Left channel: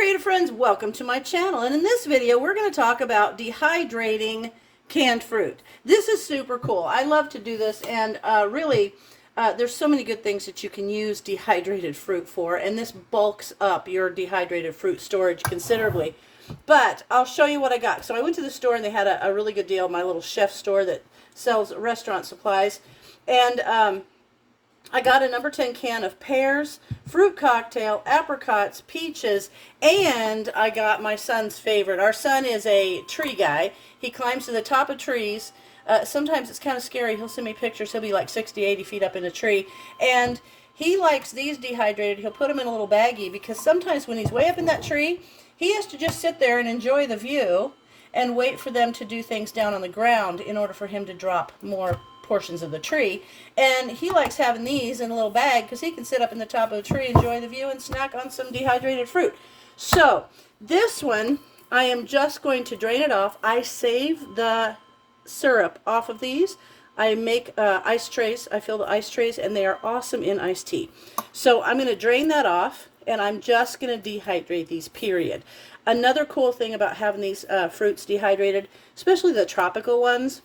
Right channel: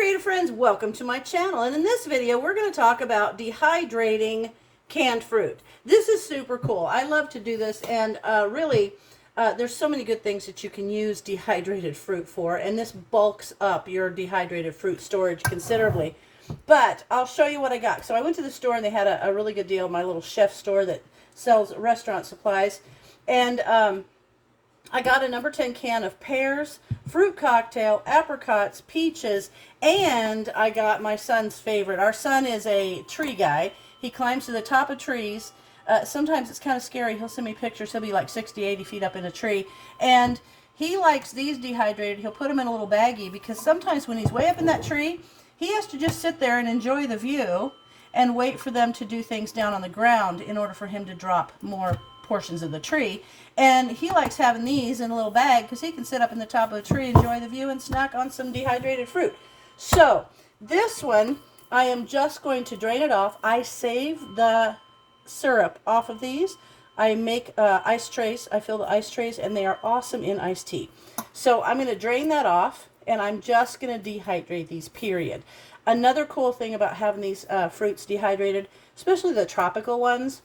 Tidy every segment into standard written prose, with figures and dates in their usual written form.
creative friends, welcome to my channel, and in this video we're going to talk about dehydrating canned fruit. This is super cool. I love to do this, and really there's so many good things that you can use dehydrated fruit for, and this bulks up your dehydrated fruit storage considerably. But I'll show you what I got. So I went to the store and they had a really good deal, my little chef store that sells restaurant supplies, and I got a number 10 can of pears, fruit cocktail, apricots, peaches, and I got my son's favorite. Our son is a tree guy. He climbs to the top of trees. Sometimes it's kind of scary. He'll send me pictures. He'll be like 60, 80 feet up in a tree. And he likes these dehydrated. He'll put them in a little baggie because sometimes when he's way up in that tree, he has to just sit there and enjoy the view and wait for them to do things down on the ground in order for him to drop more portions of the tree. And he likes having these in a little bag because he can sit up in the top of a tree, enjoy the view, and snack on some dehydrated fruit. So this one, I am just going to drain it off. I save the syrup off of these. I make ice trays. I fill the ice trays, and they are awesome in iced tea. So I'm going to drain that off, and I'm just going to dehydrate these, period. Another cool thing about having these fruits dehydrated, especially the tropical ones,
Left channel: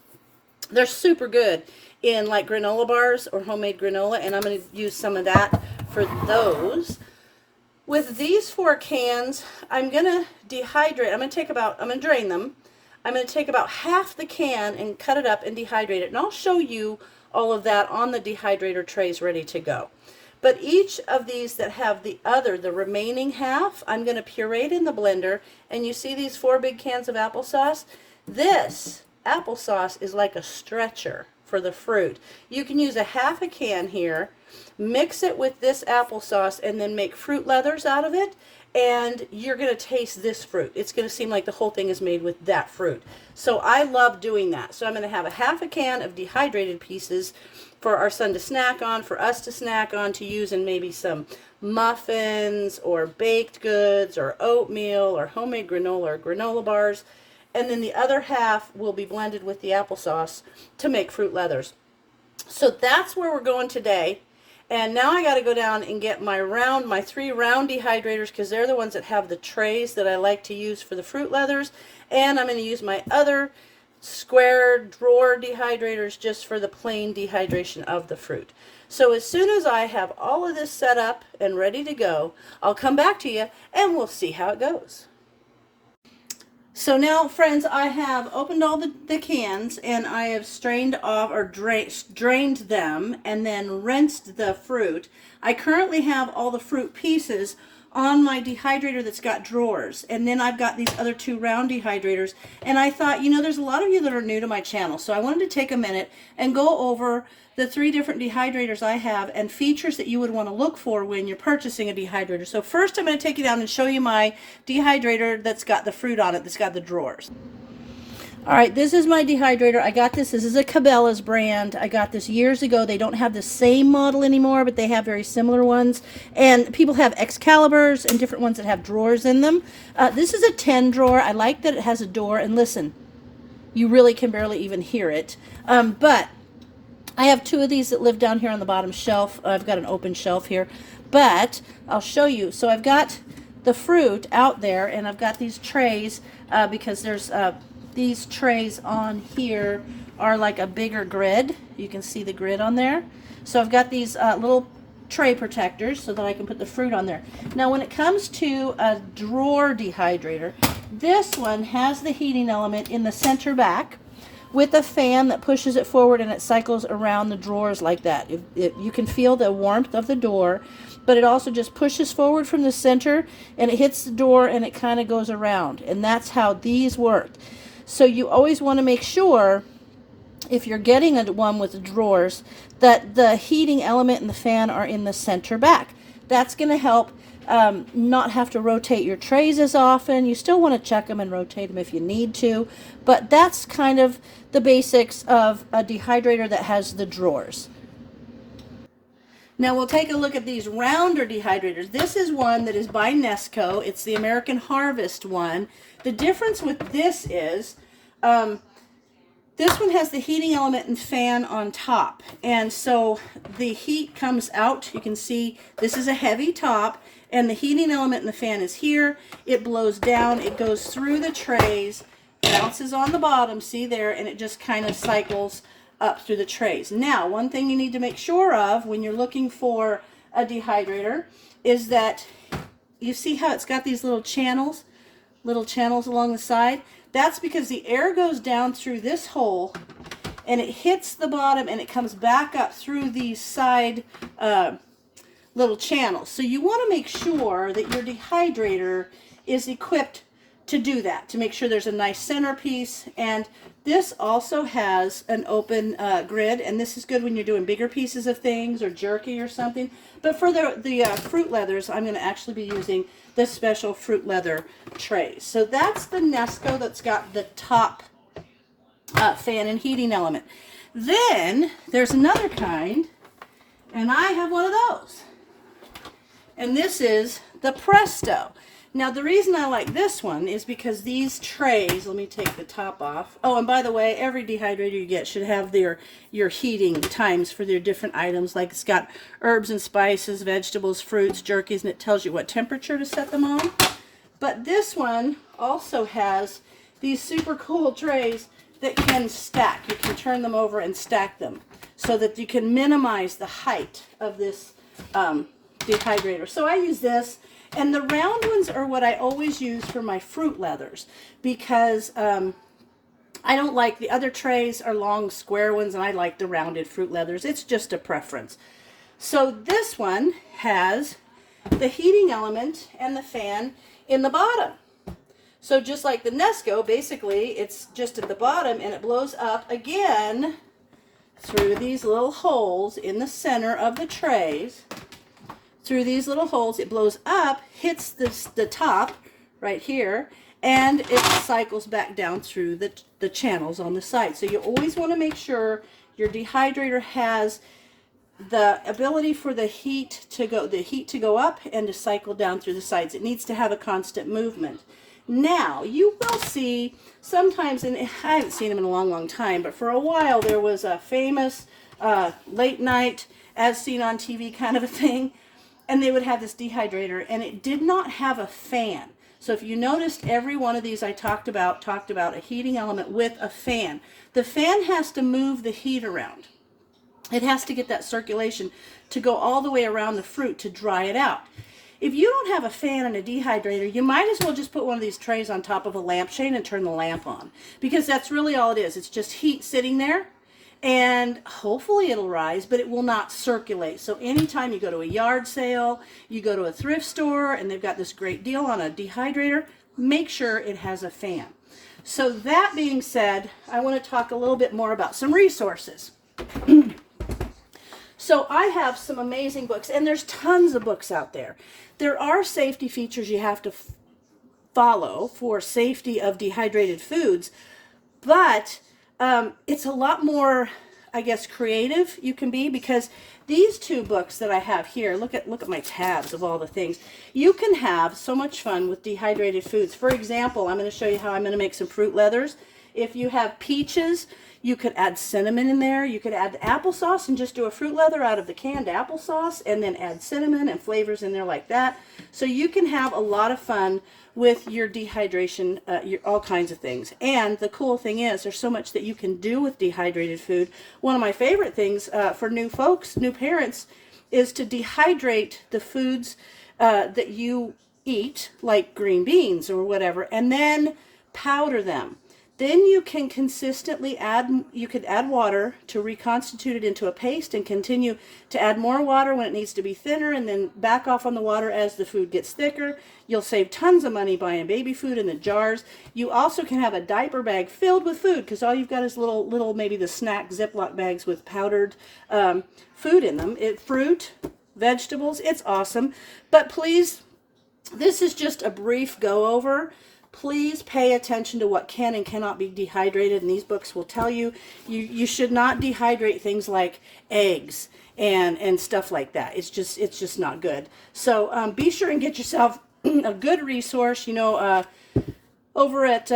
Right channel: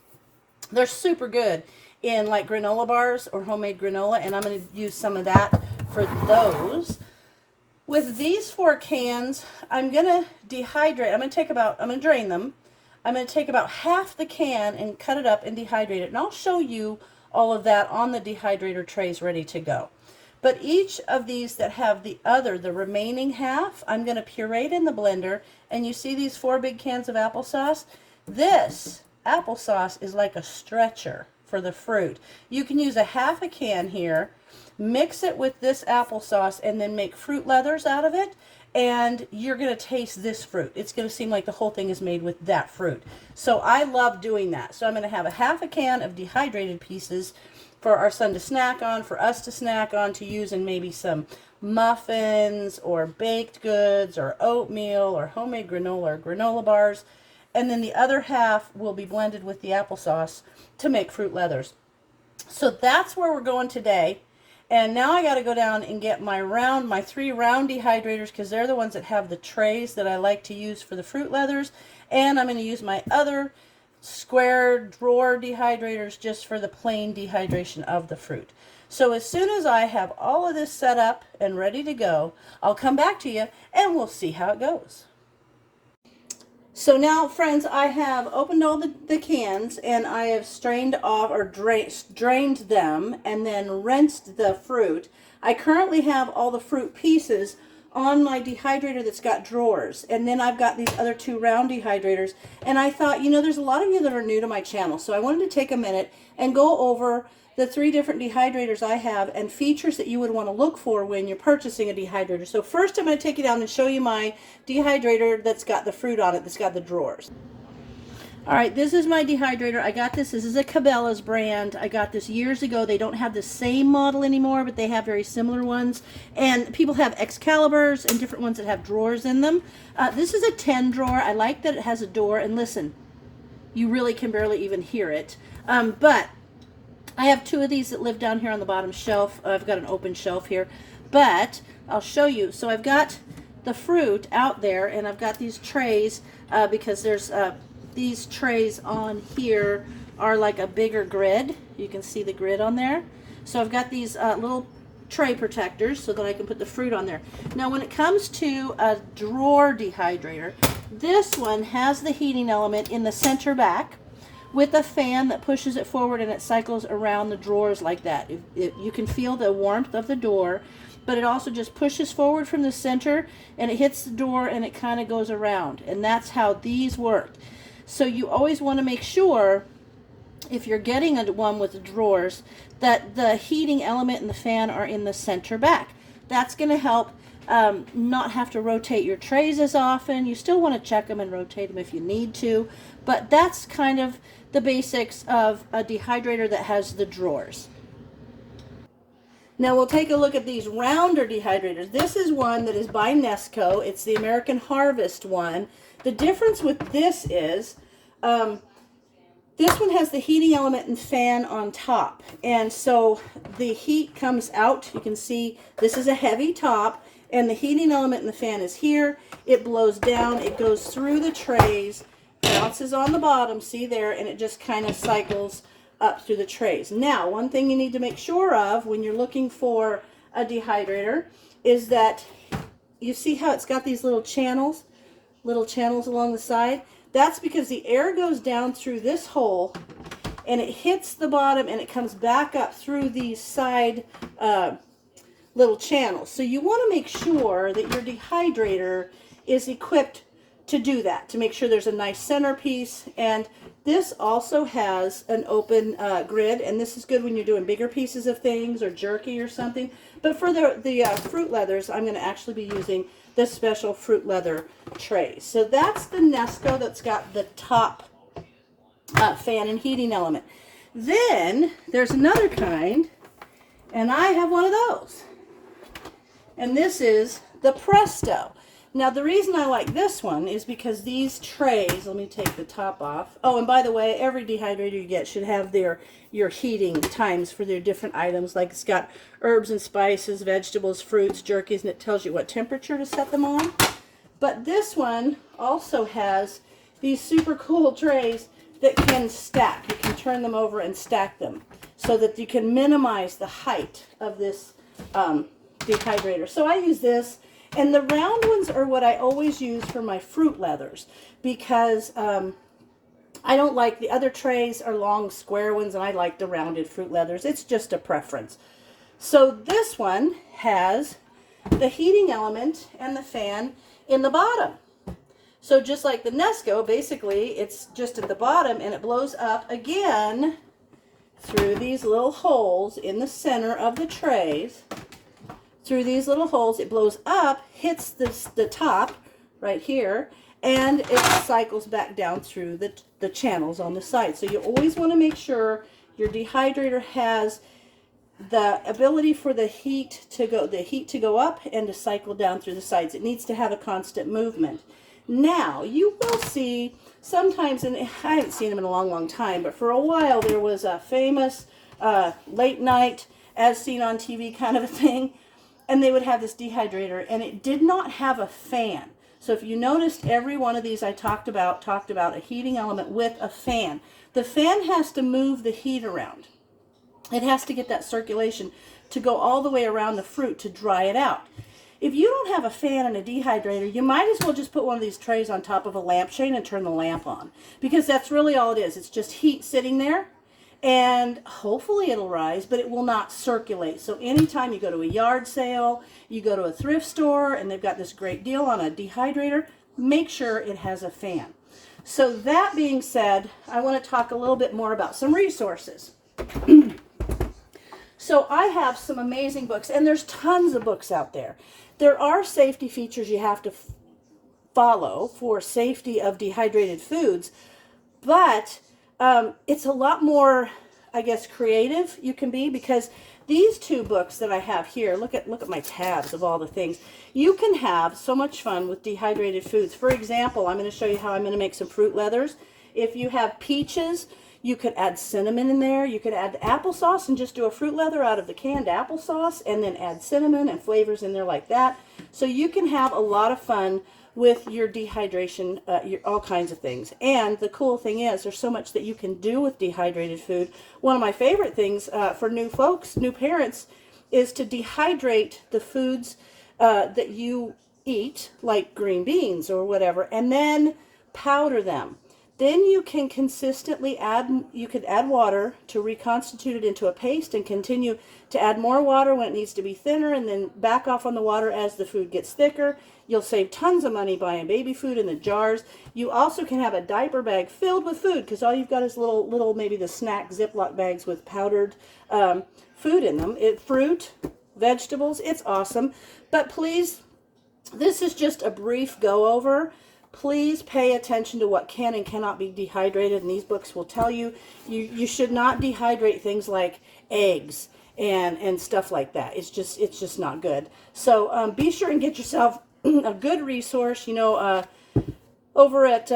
they're super good in like granola bars or homemade granola, and I'm going to use some of that for those. With these 4 cans, I'm going to dehydrate. I'm going to drain them. I'm going to take about half the can and cut it up and dehydrate it, and I'll show you all of that on the dehydrator trays ready to go. But each of these that have the remaining half, I'm going to puree it in the blender, and you see these 4 big cans of applesauce? This applesauce is like a stretcher for the fruit. You can use a half a can here, mix it with this applesauce, and then make fruit leathers out of it, and you're going to taste this fruit. It's going to seem like the whole thing is made with that fruit. So I love doing that. So I'm going to have a half a can of dehydrated pieces for our son to snack on, for us to snack on, to use in maybe some muffins or baked goods or oatmeal or homemade granola or granola bars. And then the other half will be blended with the applesauce to make fruit leathers. So that's where we're going today. And now I got to go down and get my 3 round dehydrators, because they're the ones that have the trays that I like to use for the fruit leathers. And I'm going to use my other square drawer dehydrators just for the plain dehydration of the fruit. So as soon as I have all of this set up and ready to go, I'll come back to you and we'll see how it goes. So now, friends, I have opened all the cans, and I have strained off or drained them and then rinsed the fruit. I currently have all the fruit pieces on my dehydrator that's got drawers, and then I've got these other 2 round dehydrators. And I thought, you know, there's a lot of you that are new to my channel, so I wanted to take a minute and go over the 3 different dehydrators I have and features that you would want to look for when you're purchasing a dehydrator. So first I'm going to take you down and show you my dehydrator that's got the fruit on it, that's got the drawers. Alright, this is my dehydrator. I got this. This is a Cabela's brand. I got this years ago. They don't have the same model anymore, but they have very similar ones. And people have Excaliburs and different ones that have drawers in them. This is a 10 drawer. I like that it has a door. And listen, you really can barely even hear it. But I have 2 of these that live down here on the bottom shelf. I've got an open shelf here, but I'll show you. So I've got the fruit out there, and I've got these trays because there's these trays on here are like a bigger grid. You can see the grid on there. So I've got these little tray protectors so that I can put the fruit on there. Now when it comes to a drawer dehydrator, this one has the heating element in the center back, with a fan that pushes it forward, and it cycles around the drawers like that. You can feel the warmth of the door, but it also just pushes forward from the center, and it hits the door, and it kind of goes around. And that's how these work. So you always want to make sure, if you're getting one with the drawers, that the heating element and the fan are in the center back. That's going to help not have to rotate your trays as often. You still want to check them and rotate them if you need to, but that's kind of the basics of a dehydrator that has the drawers. Now we'll take a look at these rounder dehydrators. This is one that is by Nesco. It's the American Harvest one. The difference with this is this one has the heating element and fan on top, and so the heat comes out. You can see this is a heavy top, and the heating element in the fan is here. It blows down, it goes through the trays, bounces on the bottom, see there, and it just kind of cycles up through the trays. Now, one thing you need to make sure of when you're looking for a dehydrator is that you see how it's got these little channels along the side? That's because the air goes down through this hole and it hits the bottom and it comes back up through these side little channels. So you want to make sure that your dehydrator is equipped to do that, to make sure there's a nice centerpiece. And this also has an open grid, and this is good when you're doing bigger pieces of things or jerky or something. But for the fruit leathers, I'm going to actually be using this special fruit leather tray. So that's the Nesco that's got the top fan and heating element. Then there's another kind, and I have one of those. And this is the Presto. Now, the reason I like this one is because these trays, let me take the top off. Oh, and by the way, every dehydrator you get should have your heating times for their different items. Like it's got herbs and spices, vegetables, fruits, jerkies, and it tells you what temperature to set them on. But this one also has these super cool trays that can stack. You can turn them over and stack them so that you can minimize the height of this dehydrator. So I use this. And the round ones are what I always use for my fruit leathers because I don't like the other trays are long square ones and I like the rounded fruit leathers. It's just a preference. So this one has the heating element and the fan in the bottom. So just like the Nesco, basically it's just at the bottom and it blows up again through these little holes in the center of the trays. Through these little holes, it blows up, hits the top right here, and it cycles back down through the channels on the side. So you always want to make sure your dehydrator has the ability for the heat to go up and to cycle down through the sides. It needs to have a constant movement. Now, you will see sometimes, and I haven't seen them in a long, long time, but for a while there was a famous late night, as seen on TV kind of a thing. And they would have this dehydrator, and it did not have a fan. So if you noticed, every one of these I talked about a heating element with a fan. The fan has to move the heat around. It has to get that circulation to go all the way around the fruit to dry it out. If you don't have a fan and a dehydrator, you might as well just put one of these trays on top of a lampshade and turn the lamp on. Because that's really all it is. It's just heat sitting there. And hopefully it'll rise, but it will not circulate. So anytime you go to a yard sale, you go to a thrift store, and they've got this great deal on a dehydrator, make sure it has a fan. So that being said, I want to talk a little bit more about some resources. So I have some amazing books, and there's tons of books out there. There are safety features you have to follow for safety of dehydrated foods, but it's a lot more, I guess, creative you can be, because these two books that I have here, look at my tabs of all the things. You can have so much fun with dehydrated foods. For example, I'm going to show you how I'm going to make some fruit leathers. If you have peaches, you could add cinnamon in there. You could add the applesauce and just do a fruit leather out of the canned applesauce and then add cinnamon and flavors in there like that. So you can have a lot of fun with your dehydration, all kinds of things. And the cool thing is there's so much that you can do with dehydrated food. One of my favorite things for new folks, new parents, is to dehydrate the foods that you eat, like green beans or whatever, and then powder them. Then you can consistently add water to reconstitute it into a paste and continue to add more water when it needs to be thinner, and then back off on the water as the food gets thicker. You'll save tons of money buying baby food in the jars. You also can have a diaper bag filled with food, because all you've got is little maybe the snack Ziploc bags with powdered food in them. Fruit, vegetables, it's awesome. But please, this is just a brief go over. Please pay attention to what can and cannot be dehydrated, and these books will tell you you should not dehydrate things like eggs and stuff like that. It's just not good. So be sure and get yourself a good resource. Over at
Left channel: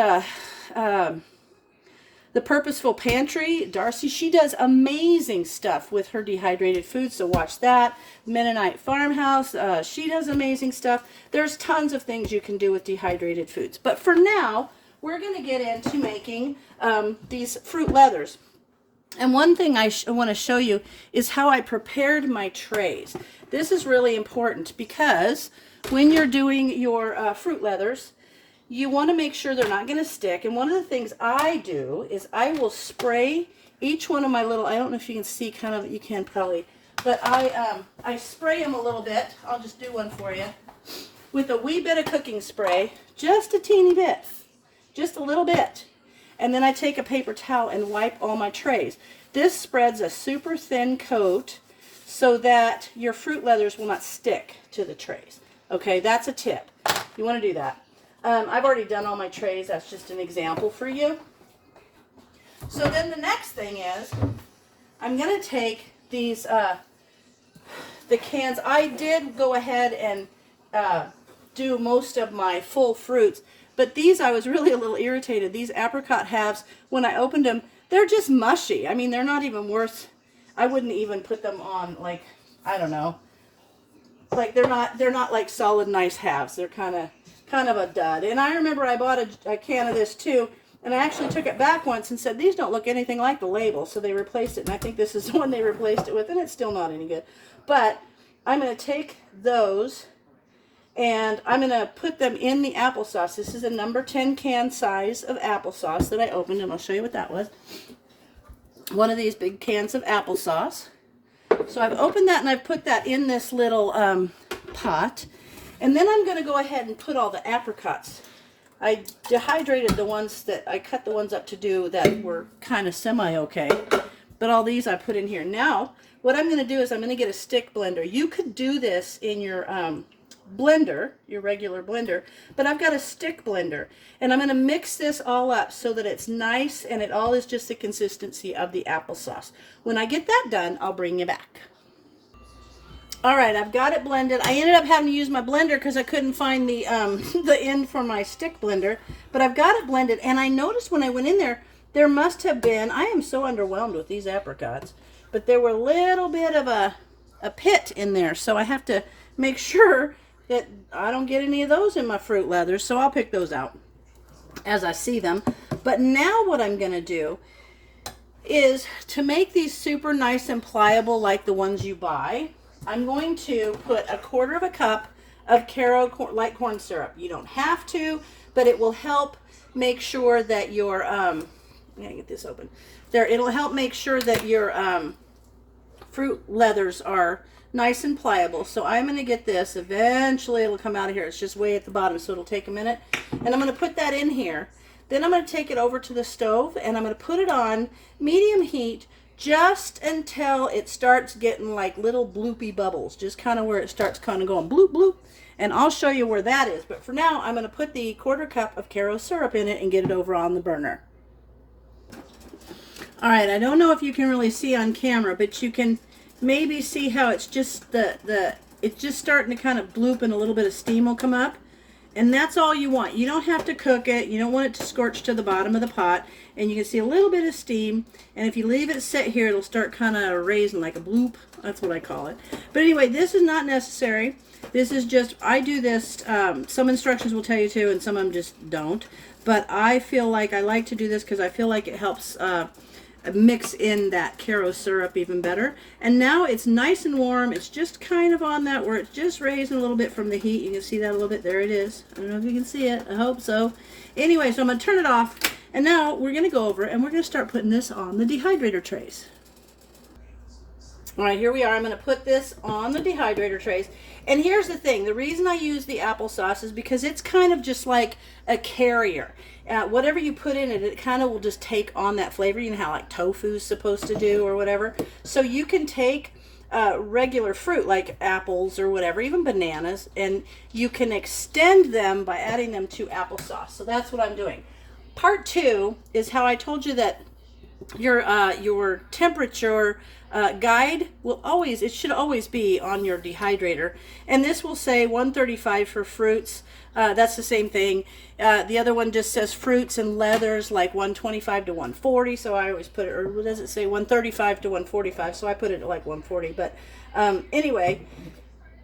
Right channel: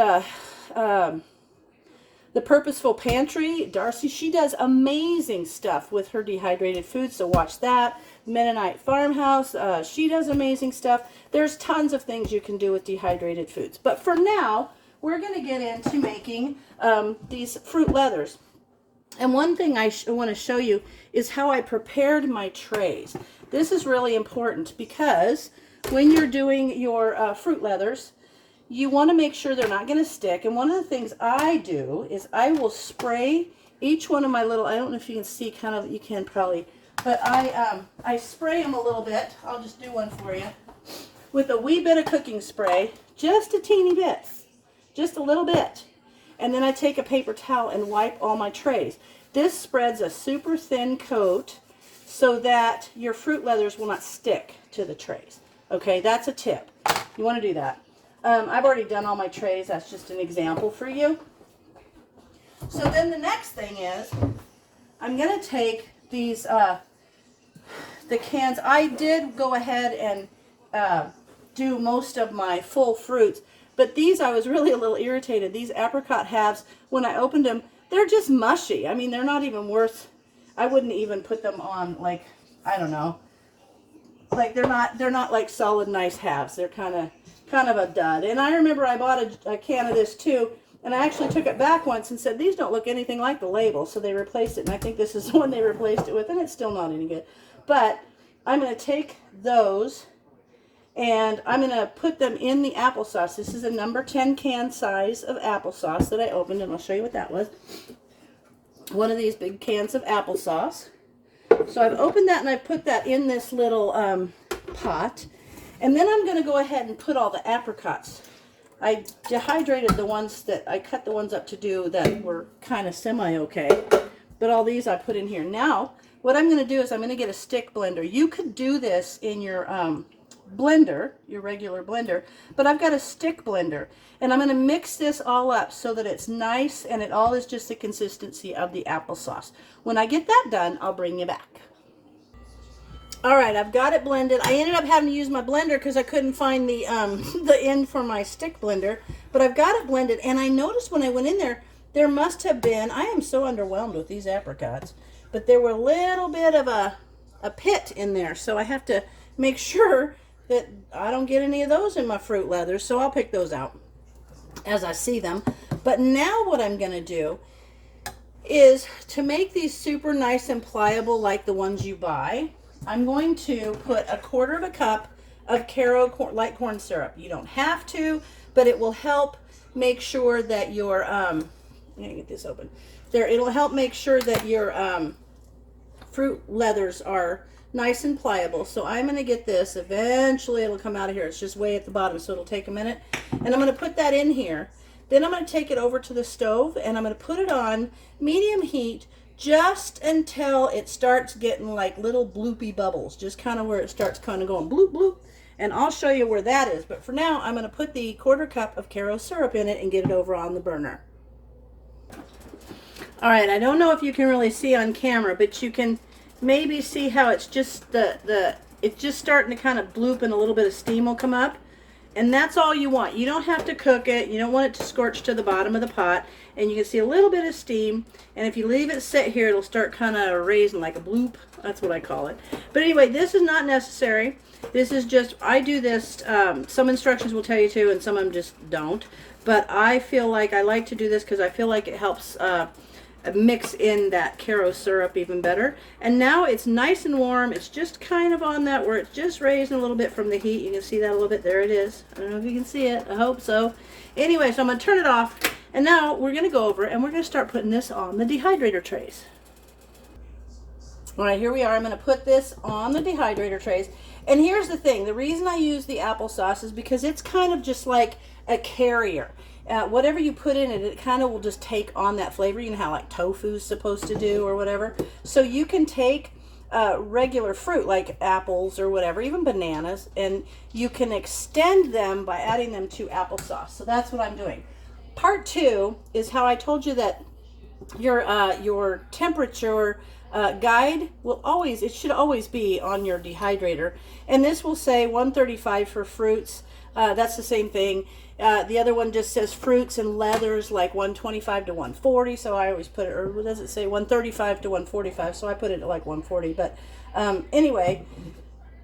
the Purposeful Pantry, Darcy, she does amazing stuff with her dehydrated foods, so watch that. Mennonite Farmhouse, she does amazing stuff. There's tons of things you can do with dehydrated foods. But for now, we're going to get into making these fruit leathers. And one thing I want to show you is how I prepared my trays. This is really important because when you're doing your fruit leathers, you want to make sure they're not going to stick. And one of the things I do is I will spray each one of my little, I don't know if you can see, kind of, you can probably, but I spray them a little bit. I'll just do one for you. With a wee bit of cooking spray, just a teeny bit, just a little bit. And then I take a paper towel and wipe all my trays. This spreads a super thin coat so that your fruit leathers will not stick to the trays. Okay, that's a tip. You want to do that. I've already done all my trays. That's just an example for you. So then the next thing is I'm going to take these, the cans. I did go ahead and do most of my full fruits, but these I was really a little irritated. These apricot halves, when I opened them, they're just mushy. I mean, they're not even worth, I wouldn't even put them on, like, I don't know. Like they're not like solid nice halves. They're kind of a dud. And I remember I bought a can of this too, and I actually took it back once and said, these don't look anything like the label, so they replaced it, and I think this is the one they replaced it with, and it's still not any good. But I'm going to take those and I'm going to put them in the applesauce. This is a number 10 can size of applesauce that I opened, and I'll show you what that was. One of these big cans of applesauce. So I've opened that and I've put that in this little pot. And then I'm going to go ahead and put all the apricots. I dehydrated the ones that, I cut the ones up to do that were kind of semi-okay. But all these I put in here. Now, what I'm going to do is I'm going to get a stick blender. You could do this in your blender, your regular blender, but I've got a stick blender. And I'm going to mix this all up so that it's nice and it all is just the consistency of the applesauce. When I get that done, I'll bring you back. All right, I've got it blended. I ended up having to use my blender because I couldn't find the end for my stick blender, but I've got it blended. And I noticed when I went in there, there must have been, I am so underwhelmed with these apricots, but there were a little bit of a pit in there. So I have to make sure that I don't get any of those in my fruit leathers. So I'll pick those out as I see them. But now what I'm going to do is to make these super nice and pliable like the ones you buy, I'm going to put 1/4 cup of Caro light corn syrup. You don't have to, but it will help make sure that your, I'm going to get this open. There, it'll help make sure that your fruit leathers are nice and pliable. So I'm going to get this. Eventually it'll come out of here. It's just way at the bottom, so it'll take a minute. And I'm going to put that in here. Then I'm going to take it over to the stove and I'm going to put it on medium heat just until it starts getting like little bloopy bubbles, just kind of where it starts kind of going bloop bloop. And I'll show you where that is. But for now, I'm going to put the 1/4 cup of Caro syrup in it and get it over on the burner. All right, I don't know if you can really see on camera, but you can maybe see how it's just it's just starting to kind of bloop and a little bit of steam will come up. And that's all you want. You don't have to cook it. You don't want it to scorch to the bottom of the pot. And you can see a little bit of steam. And if you leave it sit here, it'll start kind of raising like a bloop. That's what I call it. But anyway, this is not necessary. This is just, I do this, some instructions will tell you to, and some of them just don't. But I feel like I like to do this because I feel like it helps mix in that Caro syrup even better. And now it's nice and warm. It's just kind of on that where it's just raising a little bit from the heat. You can see that a little bit. There it is. I don't know if you can see it. I hope so. Anyway, so I'm going to turn it off. And now we're going to go over and we're going to start putting this on the dehydrator trays. All right, here we are. I'm going to put this on the dehydrator trays. And here's the thing. The reason I use the applesauce is because it's kind of just like a carrier. Whatever you put in it, it kind of will just take on that flavor. You know how like tofu is supposed to do or whatever. So you can take regular fruit like apples or whatever, even bananas, and you can extend them by adding them to applesauce. So that's what I'm doing. Part 2 is how I told you that your temperature guide will always, it should always be on your dehydrator. And this will say 135 for fruits. That's the same thing. The other one just says fruits and leathers like 125 to 140. So I always put it, or what does it say? 135 to 145. So I put it at like 140. But anyway,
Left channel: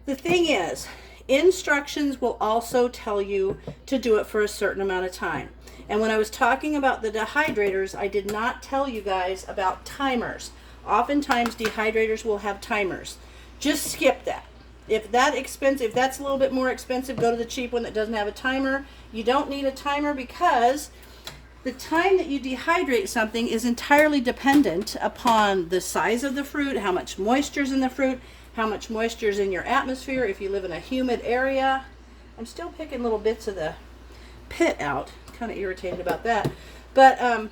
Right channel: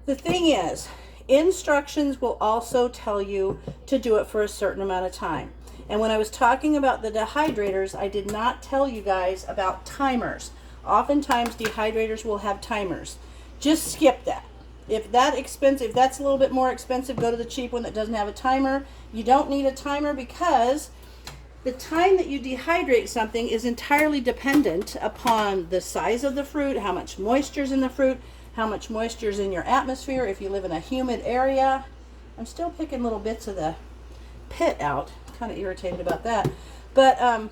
the thing is, instructions will also tell you to do it for a certain amount of time. And when I was talking about the dehydrators, I did not tell you guys about timers. Oftentimes dehydrators will have timers. Just skip that. If that's a little bit more expensive, go to the cheap one that doesn't have a timer. You don't need a timer because the time that you dehydrate something is entirely dependent upon the size of the fruit, how much moisture is in the fruit, how much moisture is in your atmosphere, if you live in a humid area. I'm still picking little bits of the pit out. Kind of irritated about that. But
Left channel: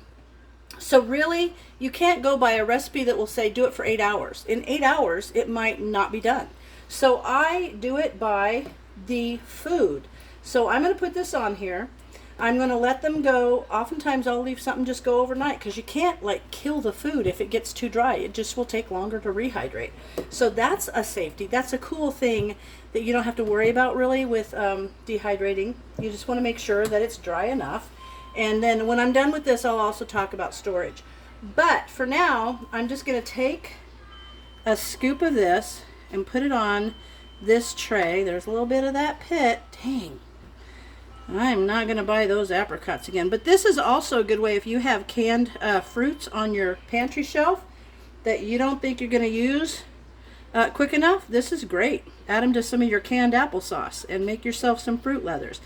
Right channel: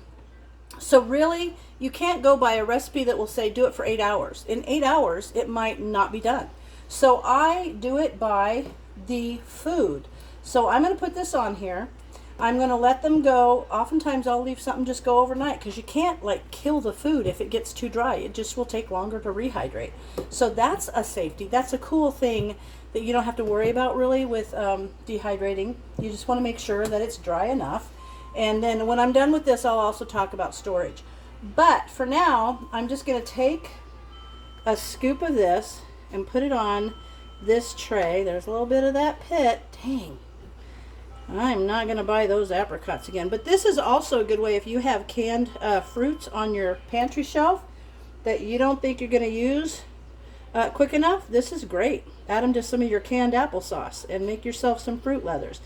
so really, you can't go by a recipe that will say do it for 8 hours. In 8 hours, it might not be done. So I do it by the food. So I'm going to put this on here. I'm going to let them go. Oftentimes I'll leave something just go overnight because you can't like kill the food if it gets too dry. It just will take longer to rehydrate. So that's a safety. That's a cool thing that you don't have to worry about really with dehydrating. You just want to make sure that it's dry enough. And then when I'm done with this, I'll also talk about storage. But for now, I'm just going to take a scoop of this and put it on this tray. There's a little bit of that pit. Dang. I'm not going to buy those apricots again. But this is also a good way if you have canned fruits on your pantry shelf that you don't think you're going to use quick enough. This is great. Add them to some of your canned applesauce and make yourself some fruit leathers.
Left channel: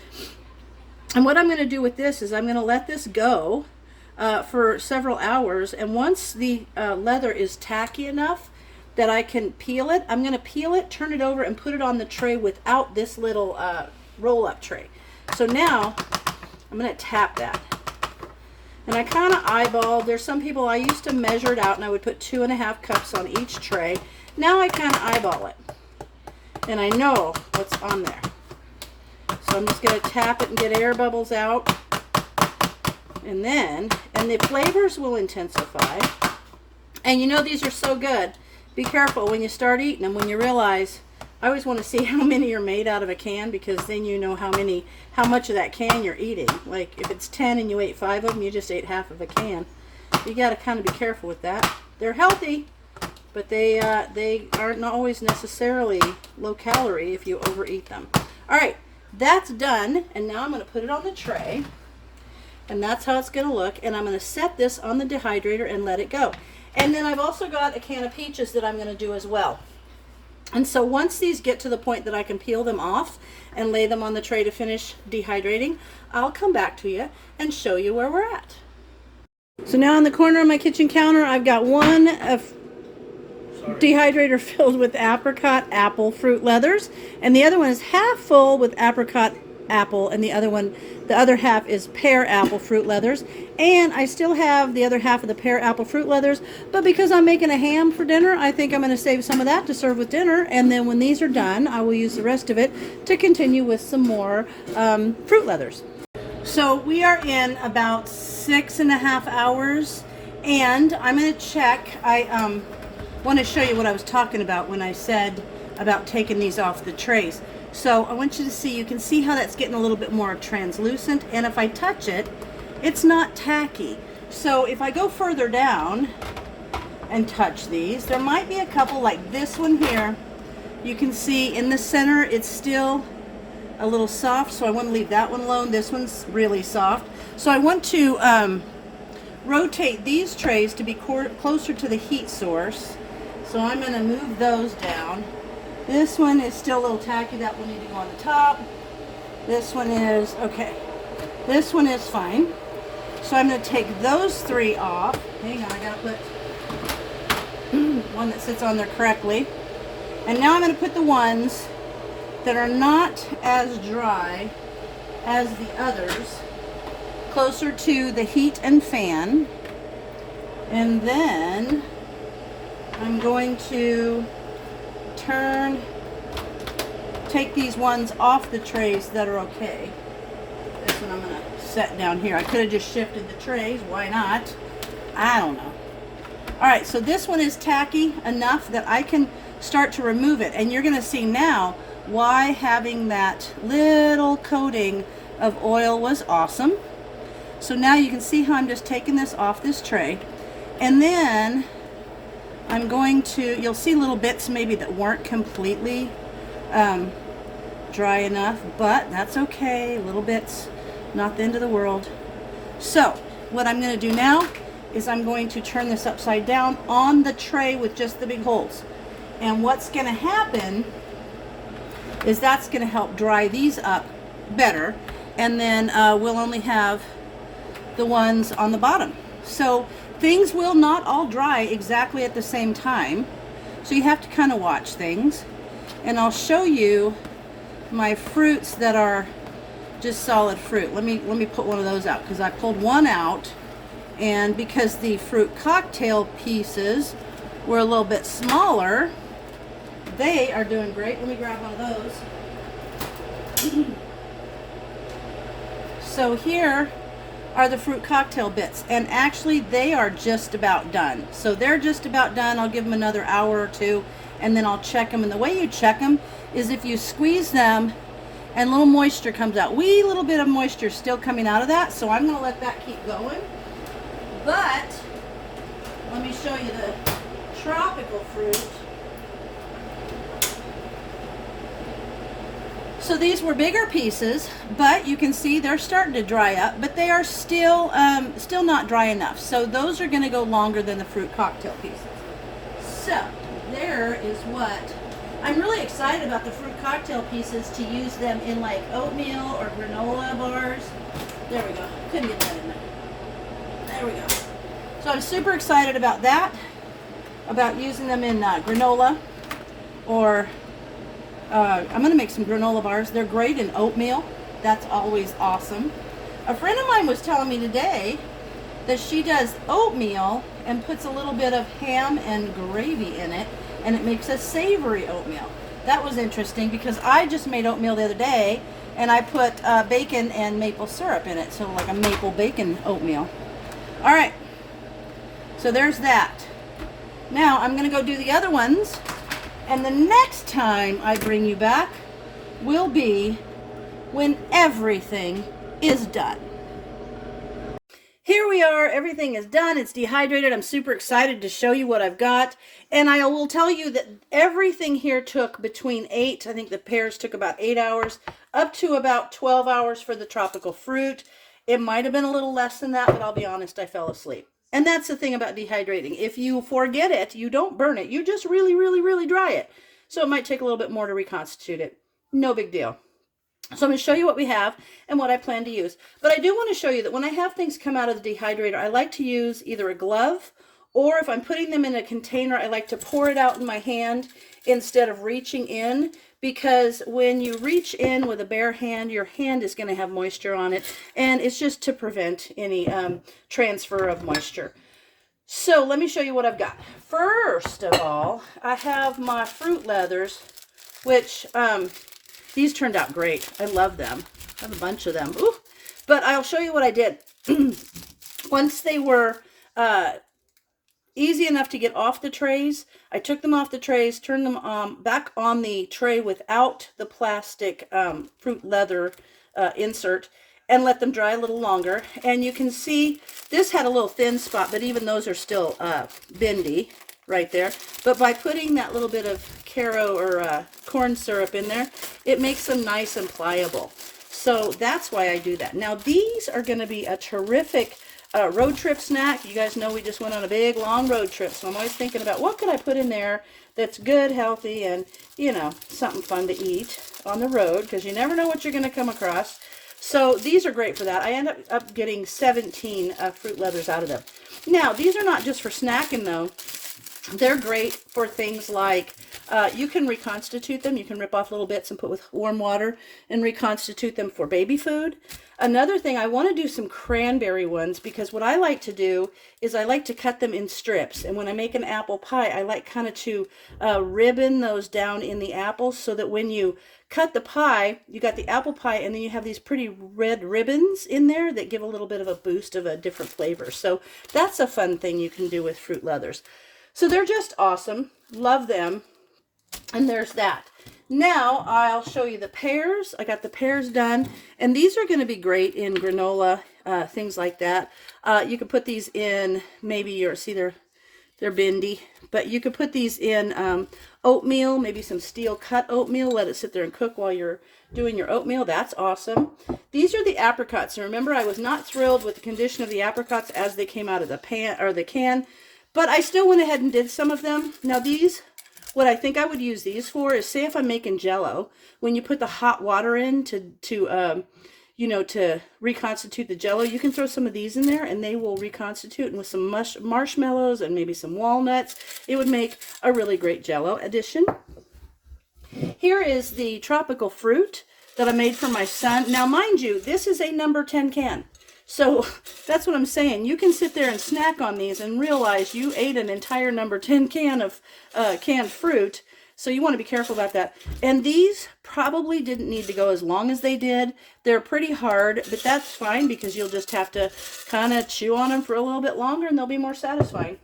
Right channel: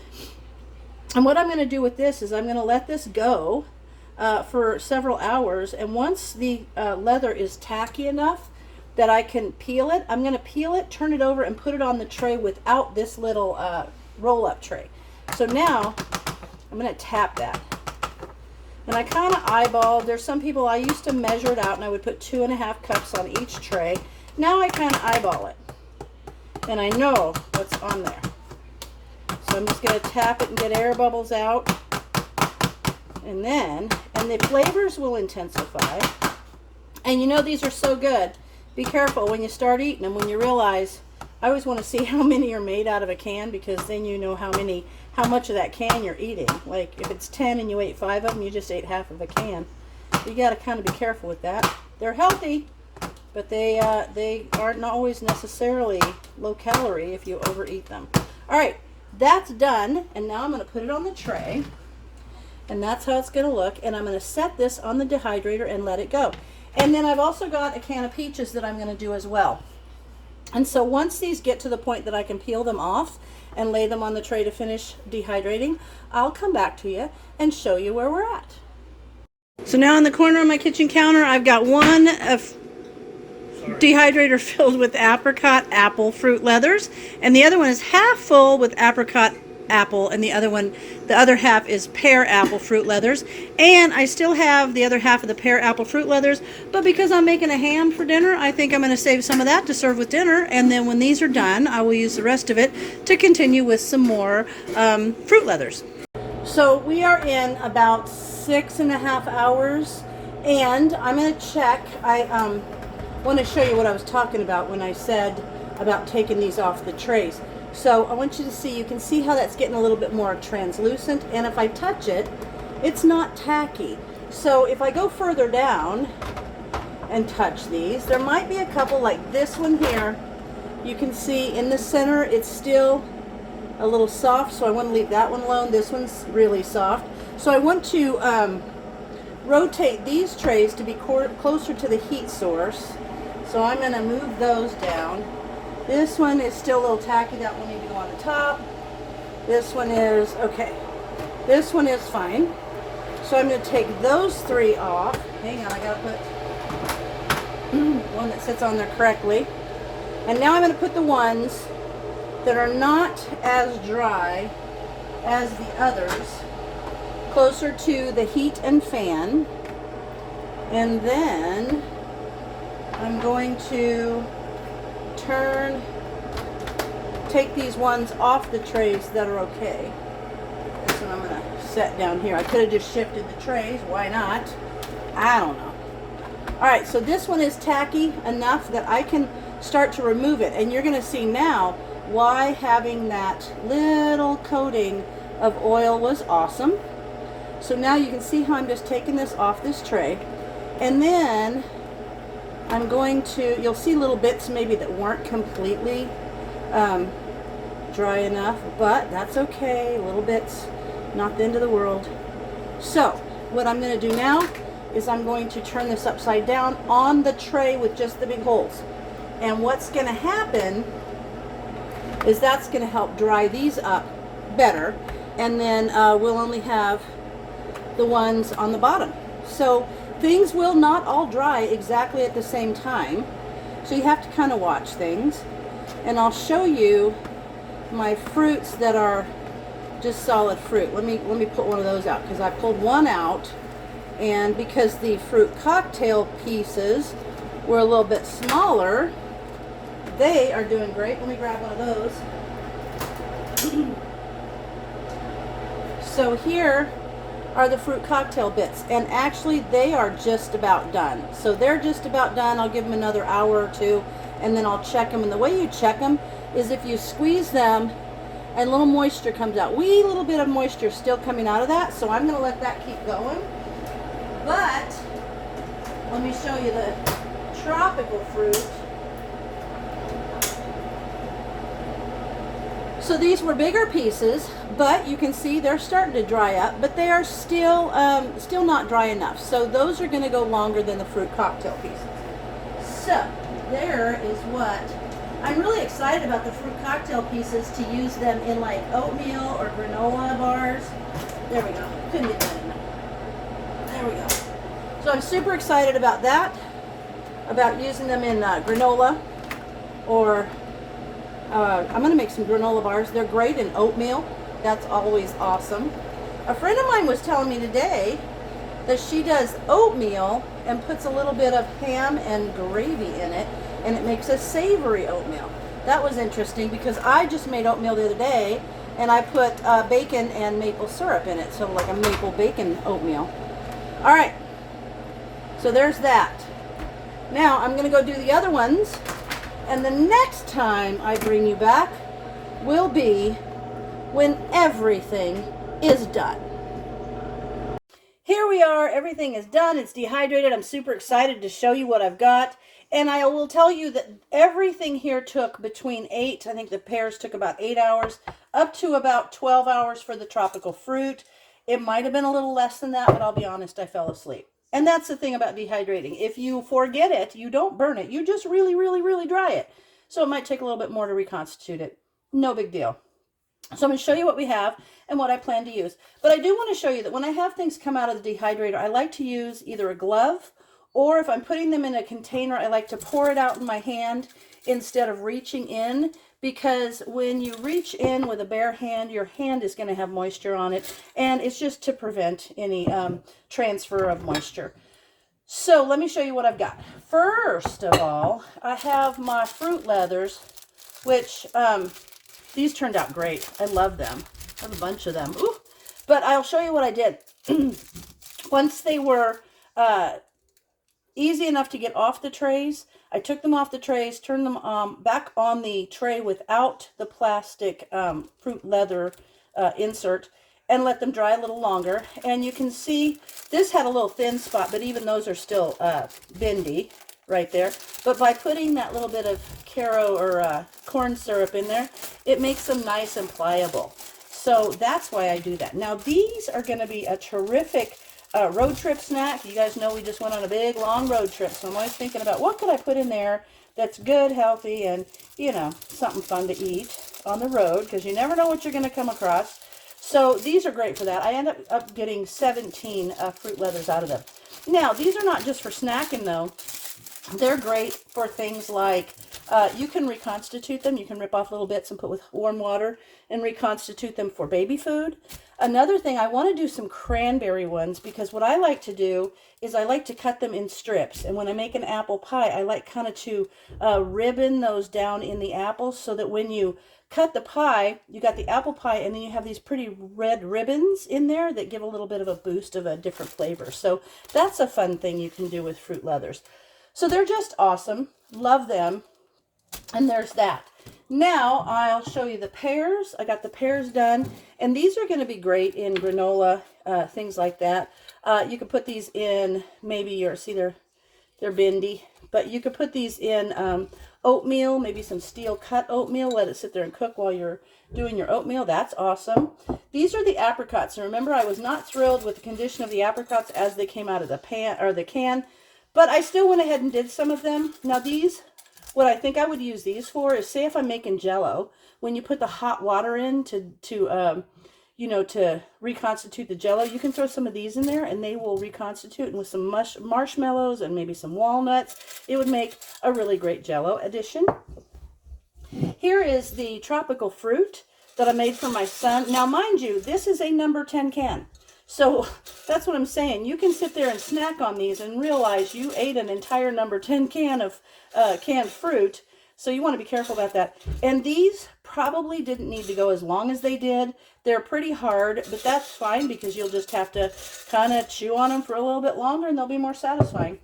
And what I'm going to do with this is I'm going to let this go for several hours. And once the leather is tacky enough that I can peel it, I'm going to peel it, turn it over, and put it on the tray without this little roll-up tray. So now I'm going to tap that. And I kind of eyeball. There's some people, I used to measure it out and I would put 2.5 cups on each tray. Now I kind of eyeball it. And I know what's on there. So I'm just going to tap it and get air bubbles out. And the flavors will intensify. And you know these are so good. Be careful when you start eating them, when you realize, I always want to see how many are made out of a can because then you know how much of that can you're eating. Like if it's 10 and you ate 5 of them, you just ate half of a can. You got to kind of be careful with that. They're healthy, but they aren't always necessarily low calorie if you overeat them. All right, that's done, and now I'm going to put it on the tray, and that's how it's going to look. And I'm going to set this on the dehydrator and let it go. And then I've also got a can of peaches that I'm going to do as well. And so once these get to the point that I can peel them off and lay them on the tray to finish dehydrating, I'll come back to you and show you where we're at. So now in the corner of my kitchen counter, I've got one dehydrator filled with apricot apple fruit leathers, and the other one is half full with apricot apple, and the other half is pear apple fruit leathers. And I still have the other half of the pear apple fruit leathers, but because I'm making a ham for dinner, I think I'm going to save some of that to serve with dinner. And then when these are done, I will use the rest of it to continue with some more fruit leathers. So we are in about 6.5 hours, and I'm going to check. I want to show you what I was talking about when I said about taking these off the trays. So I want you to see, you can see how that's getting a little bit more translucent, and if I touch it, it's not tacky. So if I go further down and touch these, there might be a couple like this one here. You can see in the center it's still a little soft, so I want to leave that one alone. This one's really soft. So I want to rotate these trays to be closer to the heat source. So I'm going to move those down. This one is still a little tacky. That will need to go on the top. This one is okay. This one is fine. So I'm going to take those 3 off. Hang on, I got to put one that sits on there correctly. And now I'm going to put the ones that are not as dry as the others closer to the heat and fan. And then I'm going to take these ones off the trays that are okay. This one I'm going to set down here. I could have just shifted the trays. Why not? I don't know. All right, so this one is tacky enough that I can start to remove it. And you're gonna see now why having that little coating of oil was awesome. So now you can see how I'm just taking this off this tray. And then I'm going to, you'll see little bits maybe that weren't completely dry enough, but that's okay, little bits, not the end of the world. So what I'm going to do now is I'm going to turn this upside down on the tray with just the big holes. And what's going to happen is that's going to help dry these up better, and then we'll only have the ones on the bottom. So things will not all dry exactly at the same time, so you have to kind of watch things. And I'll show you my fruits that are just solid fruit. Let me put one of those out, because I pulled one out, and because the fruit cocktail pieces were a little bit smaller, they are doing great. Let me grab one of those. So here are the fruit cocktail bits, and actually they are just about done. So they're just about done. I'll give them another hour or two, and then I'll check them. And the way you check them is if you squeeze them and a little moisture comes out. Wee little bit of moisture still coming out of that, so I'm going to let that keep going. But let me show you the tropical fruit. So these were bigger pieces, but you can see they're starting to dry up, but they are still not dry enough. So those are going to go longer than the fruit cocktail pieces. So there is what I'm really excited about, the fruit cocktail pieces, to use them in like oatmeal or granola bars. There we go. Couldn't get that in there. There we go. So I'm super excited about that, about using them in granola, or I'm going to make some granola bars. They're great in oatmeal. That's always awesome. A friend of mine was telling me today that she does oatmeal and puts a little bit of ham and gravy in it, and it makes a savory oatmeal. That was interesting, because I just made oatmeal the other day, and I put bacon and maple syrup in it, so like a maple bacon oatmeal. All right, so there's that. Now I'm going to go do the other ones, and the next time I bring you back will be when everything is done. Here we are, everything is done, it's dehydrated. I'm super excited to show you what I've got. And I will tell you that everything here took between 8, I think the pears took about 8 hours, up to about 12 hours for the tropical fruit. It might have been a little less than that, but I'll be honest, I fell asleep. And that's the thing about dehydrating. If you forget it, you don't burn it. You just really, really, really dry it. So it might take a little bit more to reconstitute it. No big deal. So I'm going to show you what we have and what I plan to use. But I do want to show you that when I have things come out of the dehydrator, I like to use either a glove, or if I'm putting them in a container, I like to pour it out in my hand instead of reaching in, because when you reach in with a bare hand, your hand is going to have moisture on it, and it's just to prevent any transfer of moisture. So let me show you what I've got. First of all, I have my fruit leathers, which these turned out great. I love them. I have a bunch of them. Ooh. But I'll show you what I did. Once they were easy enough to get off the trays, I took them off the trays, turned them back on the tray without the plastic fruit leather insert, and let them dry a little longer. And you can see this had a little thin spot, but even those are still bendy right there. But by putting that little bit of Caro or corn syrup in there, it makes them nice and pliable. So that's why I do that. Now these are going to be a terrific road trip snack. You guys know we just went on a big long road trip, so I'm always thinking about what could I put in there that's good, healthy, and you know, something fun to eat on the road, because you never know what you're going to come across. So these are great for that. I end up getting 17 fruit leathers out of them. Now these are not just for snacking though. They're great for things like you can reconstitute them. You can rip off little bits and put with warm water and reconstitute them for baby food. Another thing, I want to do some cranberry ones, because what I like to do is I like to cut them in strips. And when I make an apple pie, I like kind of to ribbon those down in the apples, so that when you cut the pie, you got the apple pie, and then you have these pretty red ribbons in there that give a little bit of a boost of a different flavor. So that's a fun thing you can do with fruit leathers. So they're just awesome. Love them. And there's that. Now I'll show you the pears. I got the pears done, and these are going to be great in granola, things like that. You could put these in maybe your, see they're bendy, but you could put these in oatmeal, maybe some steel cut oatmeal. Let it sit there and cook while you're doing your oatmeal. That's awesome. These are the apricots, and remember, I was not thrilled with the condition of the apricots as they came out of the pan or the can, but I still went ahead and did some of them. Now these, what I think I would use these for is, say if I'm making Jello, when you put the hot water in to you know, to reconstitute the Jello, you can throw some of these in there and they will reconstitute, and with some marshmallows and maybe some walnuts, it would make a really great Jello addition. Here is the tropical fruit that I made for my son. Now, mind you, this is a number 10 can. So that's what I'm saying. You can sit there and snack on these and realize you ate an entire number 10 can of canned fruit. So you want to be careful about that. And these probably didn't need to go as long as they did. They're pretty hard, but that's fine because you'll just have to kind of chew on them for a little bit longer and they'll be more satisfying.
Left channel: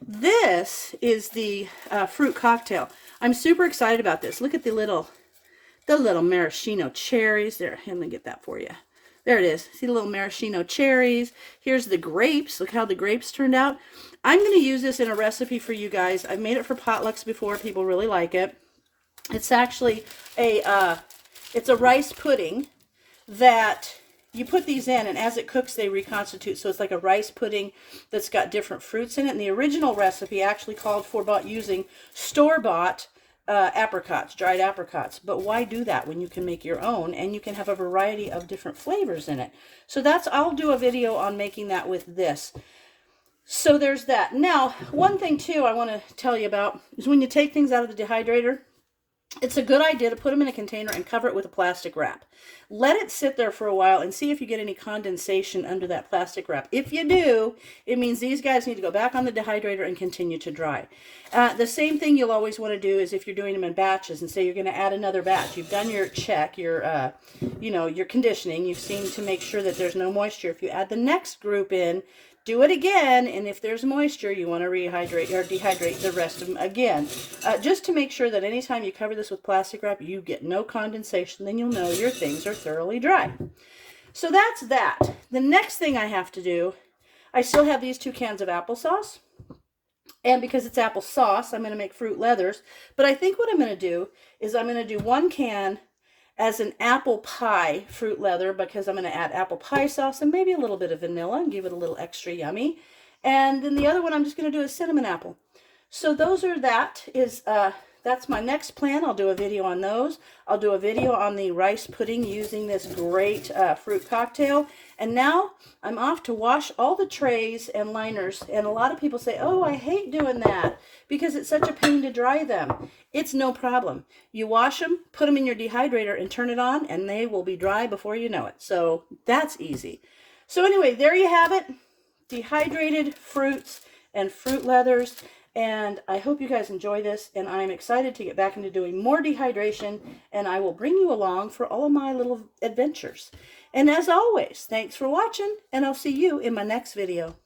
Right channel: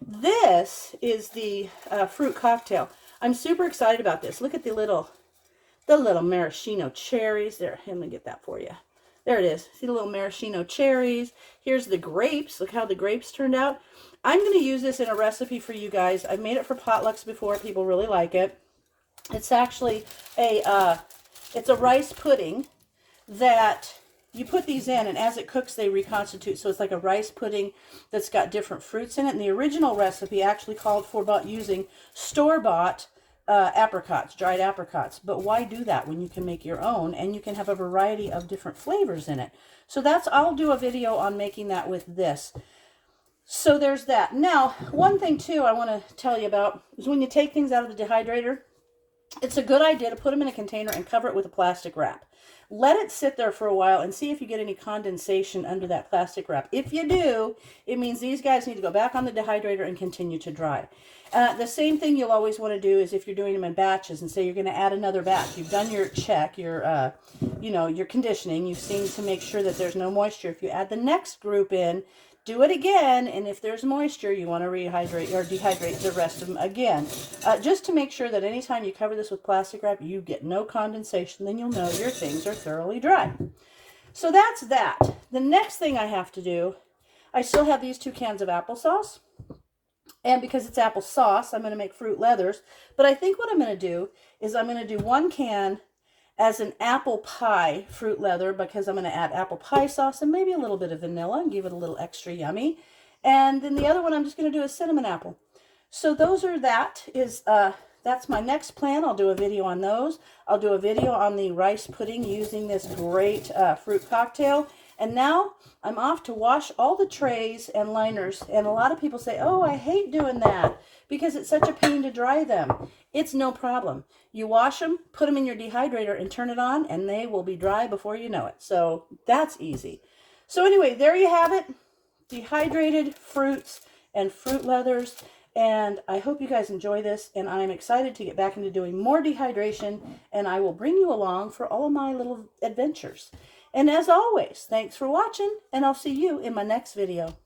This is the fruit cocktail. I'm super excited about this. Look at the little maraschino cherries. There, let me get that for you. There it is. See the little maraschino cherries. Here's the grapes. Look how the grapes turned out. I'm going to use this in a recipe for you guys. I've made it for potlucks before. People really like it. It's actually it's a rice pudding that you put these in, and as it cooks, they reconstitute. So it's like a rice pudding that's got different fruits in it. And the original recipe actually called for using store-bought apricots, dried apricots. But why do that when you can make your own and you can have a variety of different flavors in it? So that's, I'll do a video on making that with this. So there's that. Now, one thing too I want to tell you about is when you take things out of the dehydrator, it's a good idea to put them in a container and cover it with a plastic wrap. Let it sit there for a while and see if you get any condensation under that plastic wrap. If you do, it means these guys need to go back on the dehydrator and continue to dry. The same thing you'll always want to do is if you're doing them in batches and say you're going to add another batch. You've done your check, your your conditioning. You've seen to make sure that there's no moisture. If you add the next group in, do it again, and if there's moisture, you want to rehydrate or dehydrate the rest of them again. Just to make sure that anytime you cover this with plastic wrap, you get no condensation, then you'll know your things are thoroughly dry. So that's that. The next thing I have to do, I still have these 2 cans of applesauce, and because it's applesauce, I'm going to make fruit leathers, but I think what I'm going to do is I'm going to do 1 can as an apple pie fruit leather, because I'm going to add apple pie sauce and maybe a little bit of vanilla and give it a little extra yummy. And then the other one I'm just going to do is cinnamon apple. So those are that's my next plan. I'll do a video on those. I'll do a video on the rice pudding using this great fruit cocktail. And now I'm off to wash all the trays and liners. And a lot of people say, oh, I hate doing that because it's such a pain to dry them. It's no problem. You wash them, put them in your dehydrator and turn it on, and they will be dry before you know it. So that's easy. So anyway, there you have it. Dehydrated fruits and fruit leathers. And I hope you guys enjoy this, and I'm excited to get back into doing more dehydration, and I will bring you along for all of my little adventures. And as always, thanks for watching, and I'll see you in my next video.